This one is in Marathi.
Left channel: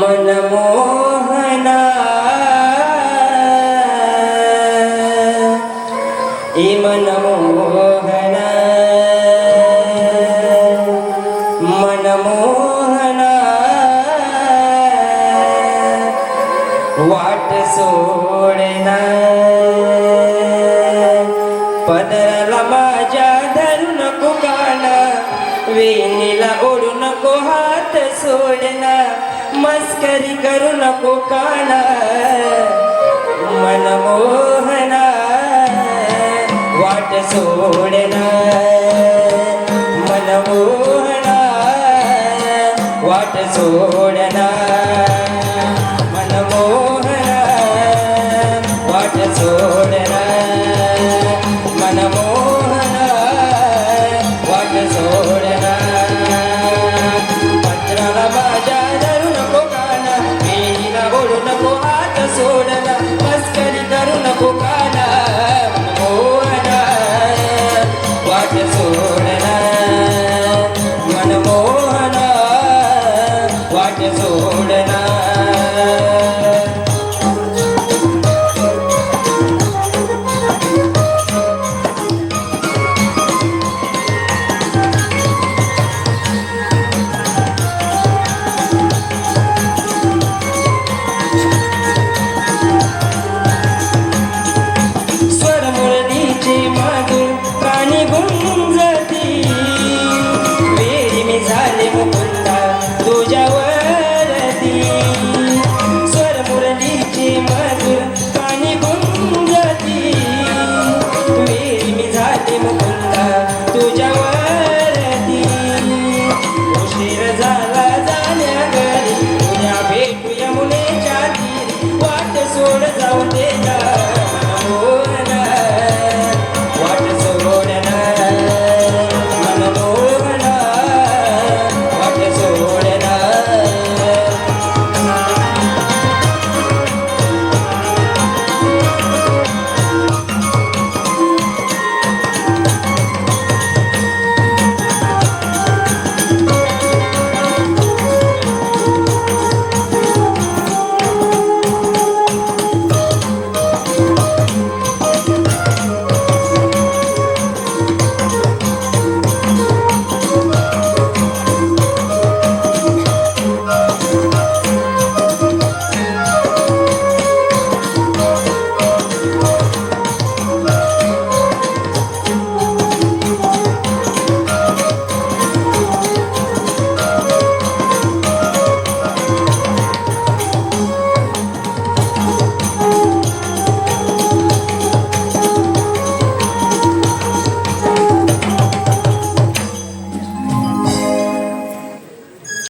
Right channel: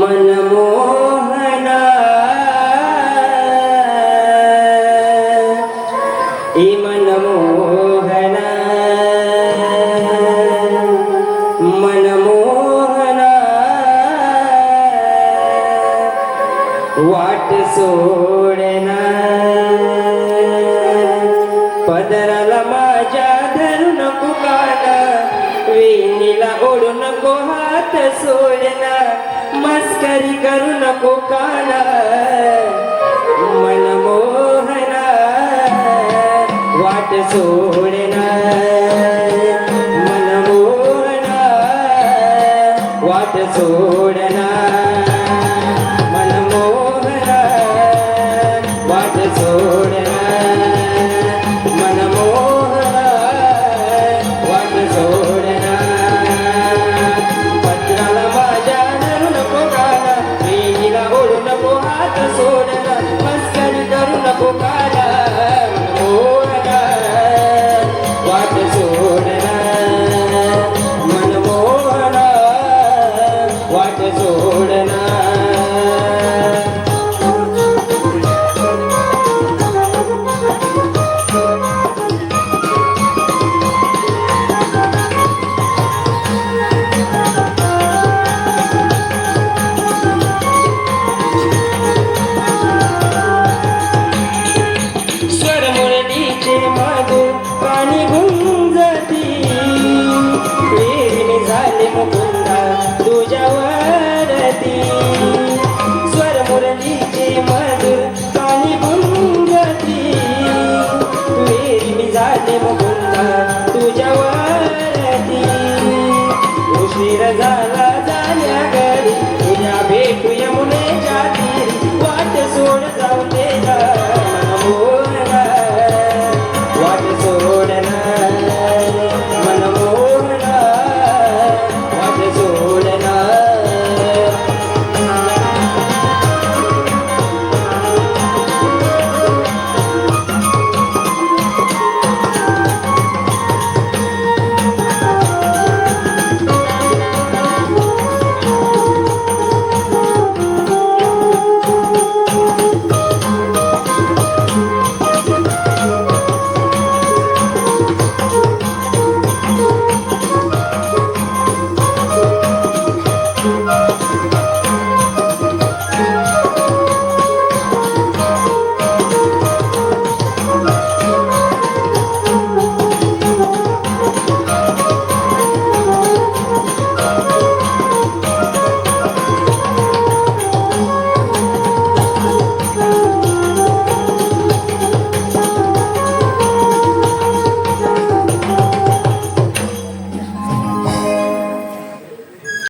मनमोहना मनमोहना मनमोहना वाट सोडना पदराला माझ्या धरू नको काना वेणीला ओढू नको हात सोडना मस्करी करू नको काना मनमोहना वाट सोडना मनमोहना वाट सोडना मनमोहना वाट सोडना मनमोहना वाट सोडना पत्राला माझ्या धरू नको काना वेणीला ओढू नको हात सोडना मस्करी करू नको काना मनमोहना वाट सोडना मनमोहना वाट सोडना स्वरमुरलीचे माझे कानी गुंजती वेळी मी झाले मुकुंदा तुझ्यावरती स्वरमुरलीचे मधुर कानी गुंजती वेळी मी झाले मुकुंदा